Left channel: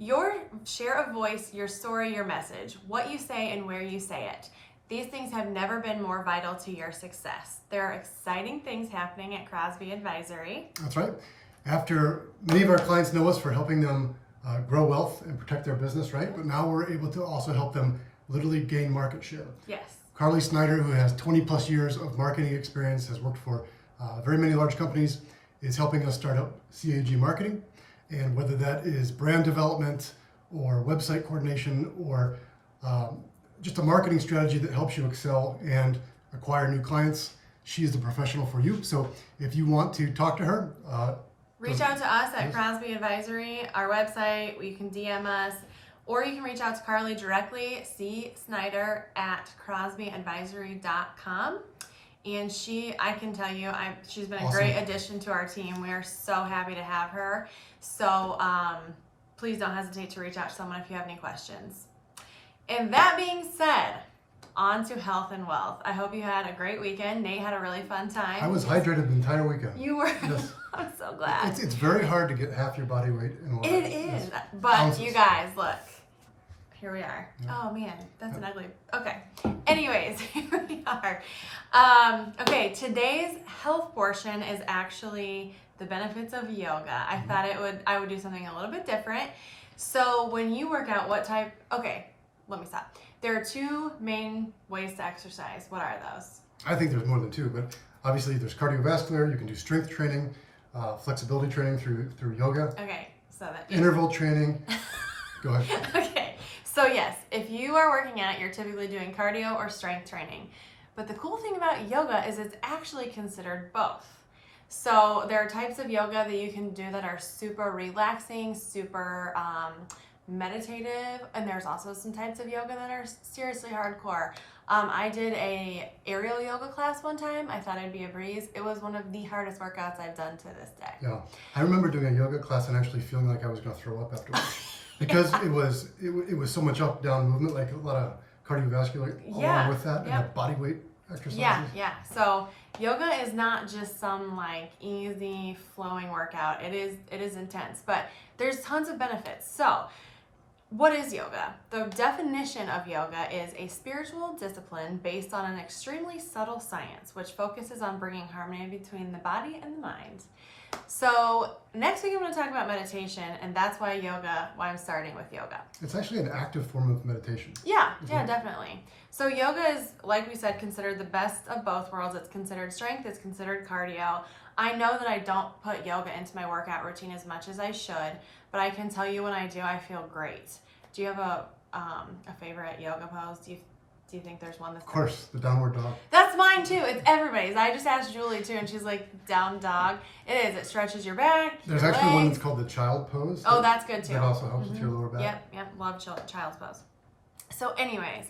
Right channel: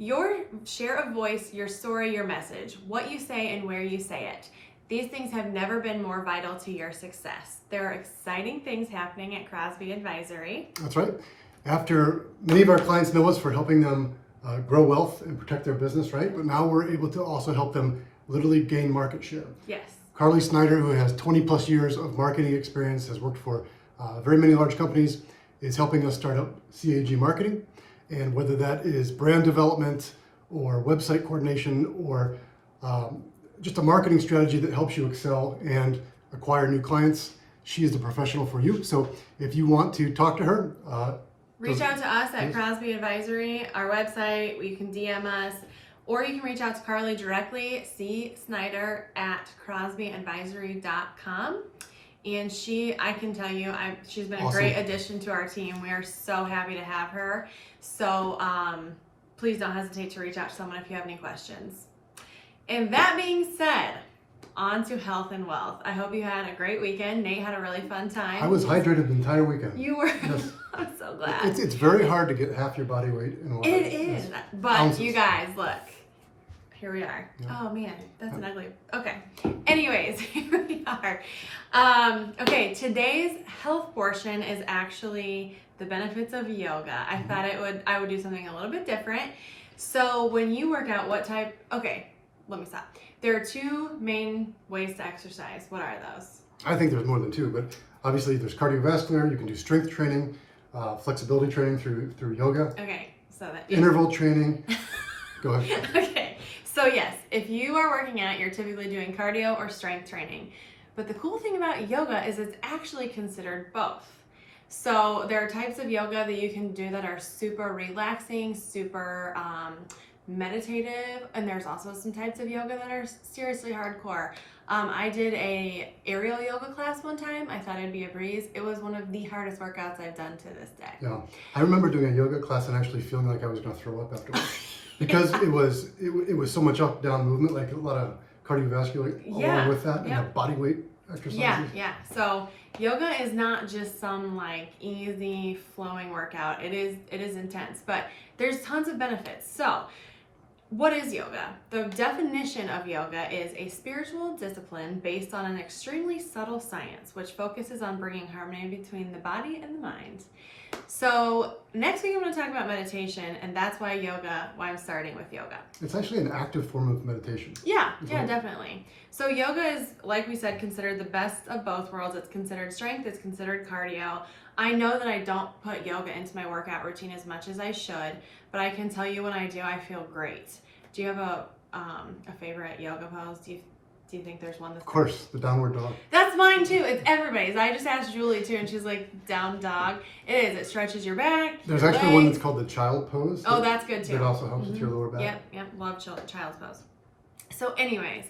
Your share of voice, your story, your message, what you say and where you say it. These things have never been more vital to your success. There are exciting things happening at Crosby Advisory. That's right. After many of our clients know us for helping them grow wealth and protect their business, right? But now we're able to also help them literally gain market share. Yes. Carly Snyder, who has 20 plus years of marketing experience, has worked for very many large companies, is helping us start up CAG marketing. And whether that is brand development or website coordination or just a marketing strategy that helps you excel and acquire new clients, she is the professional for you. So if you want to talk to her, reach out to us at Crosby Advisory, our website, you can DM us, or you can reach out to Carly directly, csnyder@crosbyadvisory.com. And I can tell you, she's been a great addition to our team. We are so happy to have her. So please don't hesitate to reach out to someone if you have any questions. And that being said, on to health and wealth. I hope you had a great weekend. Nate had a really fun time. I was hydrated the entire weekend. You were? Yes. I'm so glad. It's very hard to get half your body weight in water. It is. Yes. But Ounces. you guys, look. Here we are. Yeah. Oh man, that's an ugly. Okay. Anyways, here we are. Okay, today's health portion is actually the benefits of yoga. I thought I would do something a little bit different. So when you work out, okay, let me stop. There are two main ways to exercise. What are those? I think there's more than two, but obviously there's cardiovascular. You can do strength training, flexibility training through yoga. Okay, so that Interval training. Go ahead. Okay, so yes, if you are working out, you're typically doing cardio or strength training. But the cool thing about yoga is it's actually considered both. So there are types of yoga that you can do that are super relaxing, super meditative, and there's also some types of yoga that are seriously hardcore. I did a aerial yoga class one time. I thought it'd be a breeze. It was one of the hardest workouts I've done to this day. Yeah, I remember doing a yoga class and actually feeling like I was going to throw up afterwards because it was so much up down movement, like a lot of cardiovascular along with that, and the body weight exercises. Yeah. So yoga is not just some like easy flowing workout. It is intense, but there's tons of benefits. So what is yoga? The definition of yoga is a spiritual discipline based on an extremely subtle science, which focuses on bringing harmony between the body and the mind. So next week I'm going to talk about meditation, and that's why I'm starting with yoga. It's actually an active form of meditation. Yeah, definitely. So yoga is, like we said, considered the best of both worlds. It's considered strength, it's considered cardio. I know that I don't put yoga into my workout routine as much as I should, but I can tell you when I do, I feel great. Do you have a favorite yoga pose? Do you think there's one that's... Of course, the downward dog. That's mine too. It's everybody's. I just asked Julie too, and she's like, down dog. It is. It stretches your back. There's actually one that's called the child pose. Oh, that's good too. That also helps with your lower back. Yep. Love child's pose. So anyways,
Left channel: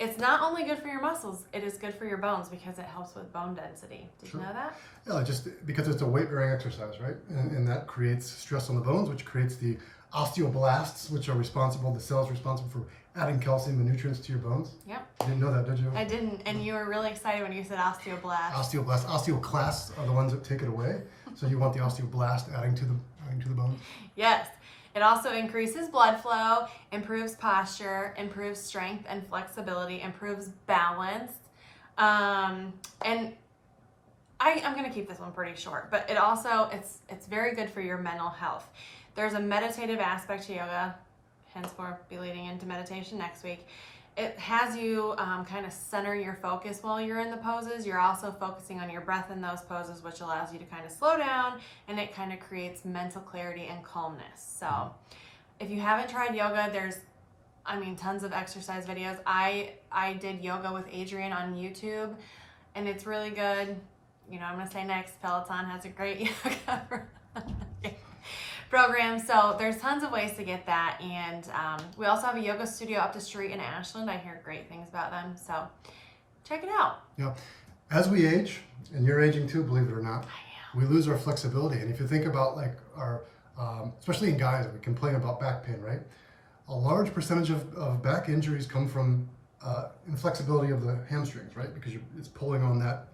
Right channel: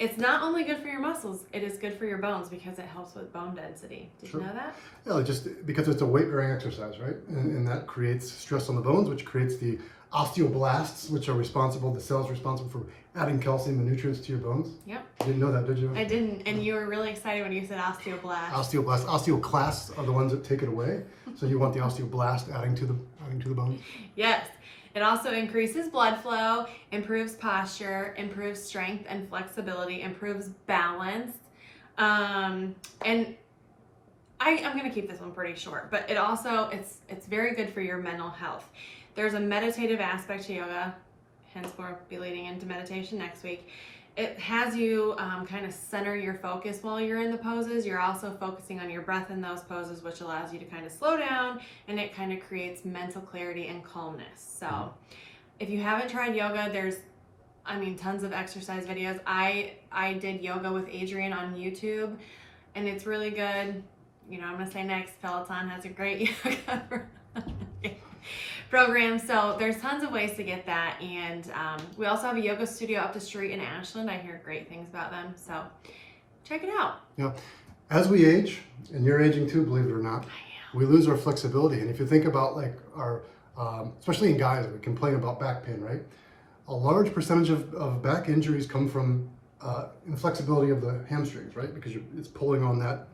it's not only good for your muscles, it is good for your bones because it helps with bone density. Did you know that? Yeah, just because it's a weight-bearing exercise, right? And that creates stress on the bones, which creates the osteoblasts, which are the cells responsible for adding calcium and nutrients to your bones. Yep. You didn't know that, did you? I didn't, and you were really excited when you said osteoblast. Osteoclasts are the ones that take it away. So you want the osteoblast adding to the bones. Yes. It also increases blood flow, improves posture, improves strength and flexibility, improves balance. And I'm going to keep this one pretty short, but it's very good for your mental health. There's a meditative aspect to yoga, hence we'll be leading into meditation next week. It has you kind of center your focus while you're in the poses. You're also focusing on your breath in those poses, which allows you to kind of slow down, and it kind of creates mental clarity and calmness. So if you haven't tried yoga, there's tons of exercise videos. I did yoga with Adrian on YouTube, and it's really good. I'm going to say next, Peloton has a great yoga program. So there's tons of ways to get that. And we also have a yoga studio up the street in Ashland. I hear great things about them. So check it out. Yeah. As we age, and you're aging too, believe it or not, we lose our flexibility. And if you think about like our, especially in guys, we complain about back pain, right? A large percentage of back injuries come from inflexibility of the hamstrings, right? Because it's pulling on that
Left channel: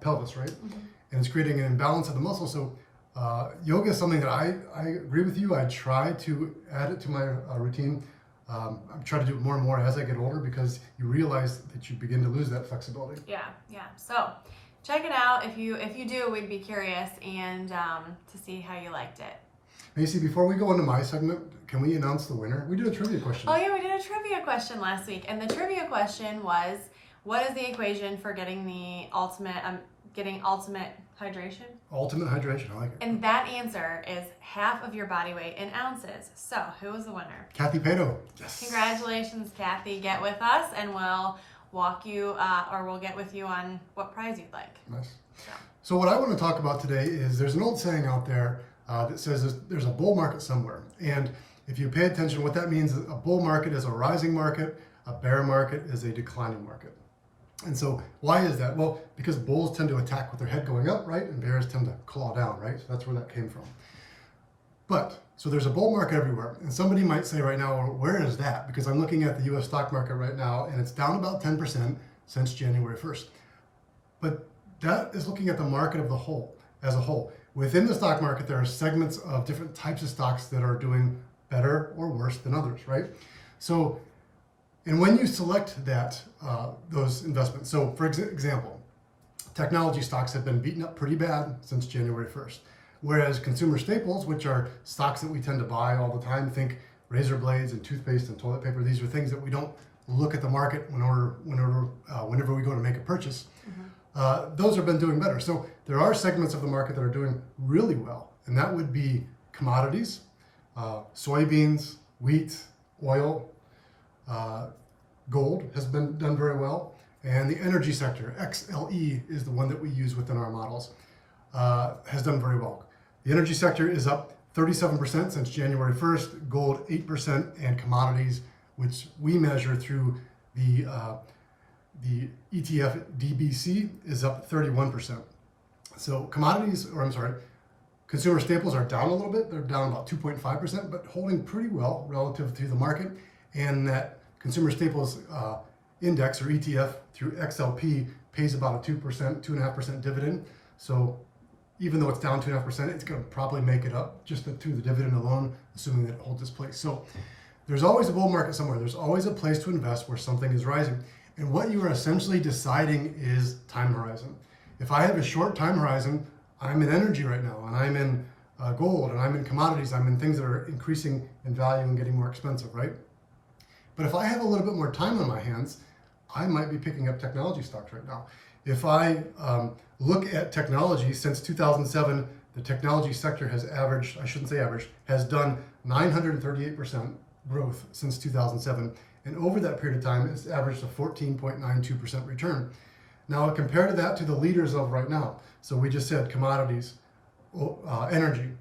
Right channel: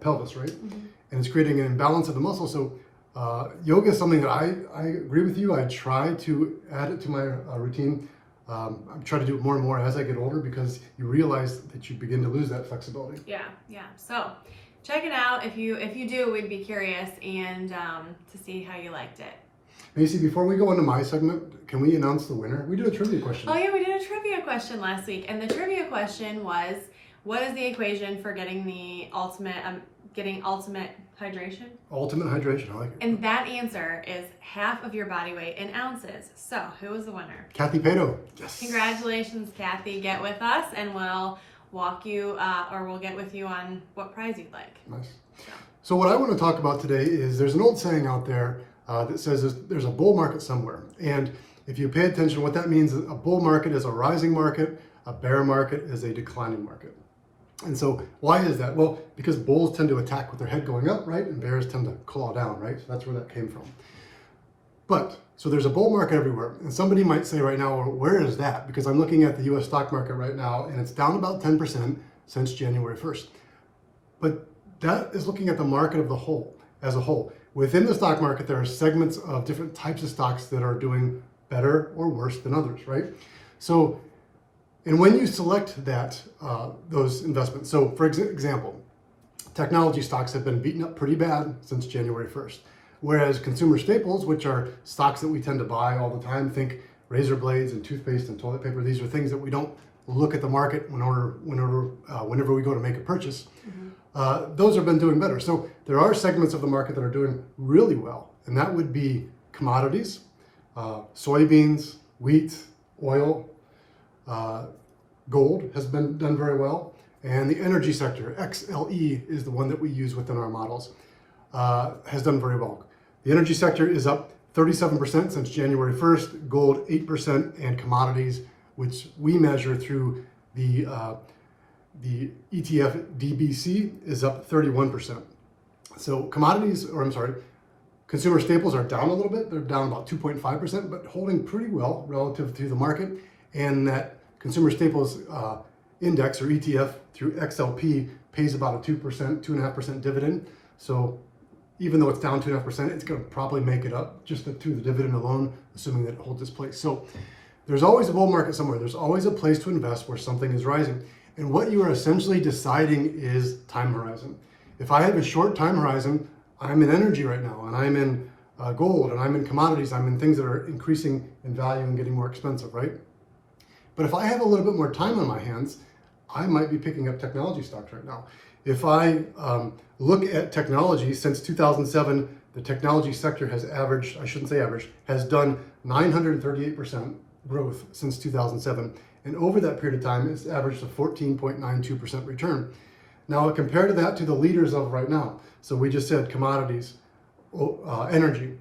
pelvis, right? Mm-hmm. And it's creating an imbalance of the muscle. So Yoga is something that I agree with you. I try to add it to my routine. I try to do it more and more as I get older because you realize that you begin to lose that flexibility. Yeah. So check it out. If you do, we'd be curious and to see how you liked it. Macy, before we go into my segment, can we announce the winner? We did a trivia question. Oh yeah, we did a trivia question last week, and the trivia question was, what is the equation for getting the ultimate hydration? Ultimate hydration, I like it. And that answer is half of your body weight in ounces. So who was the winner? Kathy Pato. Yes. Congratulations, Kathy. Get with us and we'll walk you, or we'll get with you on what prize you'd like. Nice. So what I want to talk about today is there's an old saying out there that says there's a bull market somewhere. And if you pay attention, what that means is a bull market is a rising market, a bear market is a declining market. And so why is that? Well, because bulls tend to attack with their head going up, right? And bears tend to claw down, right? So that's where that came from. But, so there's a bull market everywhere. And somebody might say right now, well, where is that? Because I'm looking at the US stock market right now, and it's down about 10% since January 1st. But that is looking at the market of the whole, as a whole. Within the stock market, there are segments of different types of stocks that are doing better or worse than others, right? So, and when you select that, those investments, so for example, technology stocks have been beaten up pretty bad since January 1st. Whereas consumer staples, which are stocks that we tend to buy all the time, think razor blades and toothpaste and toilet paper, these are things that we don't look at the market whenever we go to make a purchase. Those have been doing better. So there are segments of the market that are doing really well, and that would be commodities, soybeans, wheat, oil, gold has been done very well, and the energy sector, XLE, is the one that we use within our models, has done very well. The energy sector is up 37% since January 1st, gold 8%, and commodities, which we measure through the ETF DBC, is up 31%. So consumer staples are down a little bit. They're down about 2.5%, but holding pretty well relative to the market. And that consumer staples index or ETF through XLP pays about a 2.5% dividend. So even though it's down 2.5%, it's going to probably make it up just through the dividend alone, assuming that it holds its place. So there's always a bull market somewhere. There's always a place to invest where something is rising. And what you are essentially deciding is time horizon. If I have a short time horizon, I'm in energy right now, and I'm in gold, and I'm in commodities, I'm in things that are increasing in value and getting more expensive, right? But if I have a little bit more time on my hands, I might be picking up technology stocks right now. If I look at technology since 2007, the technology sector has averaged, I shouldn't say averaged, has done 938% growth since 2007. And over that period of time, it's averaged a 14.92% return. Now, compare that to the leaders of right now. So we just said commodities, energy,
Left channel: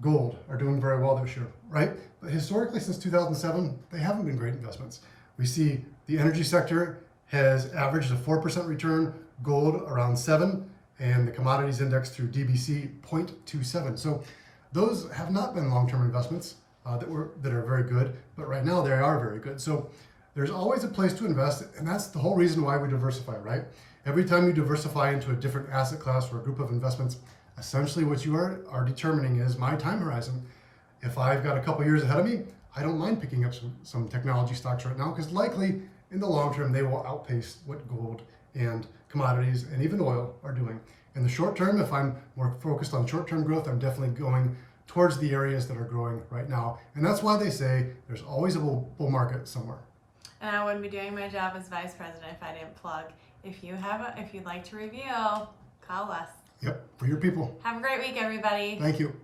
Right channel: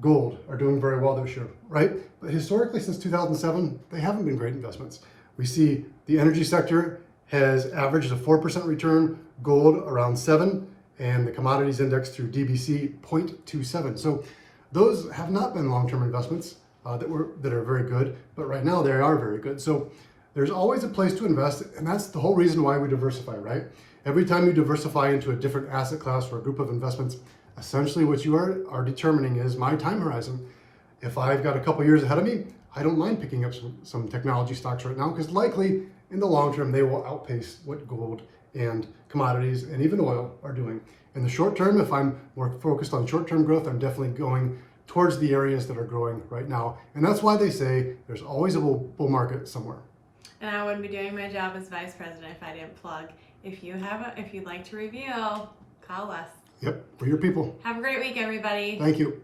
gold are doing very well this year, right? But historically, since 2007, they haven't been great investments. We see the energy sector has averaged a 4% return, gold around 7%, and the commodities index through DBC 0.27. So those have not been long-term investments that are very good, but right now they are very good. So there's always a place to invest, and that's the whole reason why we diversify, right? Every time you diversify into a different asset class or a group of investments, essentially what you are determining is my time horizon. If I've got a couple years ahead of me, I don't mind picking up some technology stocks right now, because likely in the long term, they will outpace what gold and commodities and even oil are doing. In the short term, if I'm more focused on short-term growth, I'm definitely going towards the areas that are growing right now. And that's why they say there's always a bull market somewhere. And I wouldn't be doing my job as vice president if I didn't plug. If you'd like to review, call us. Yep, for your people. Have a great week, everybody. Thank you.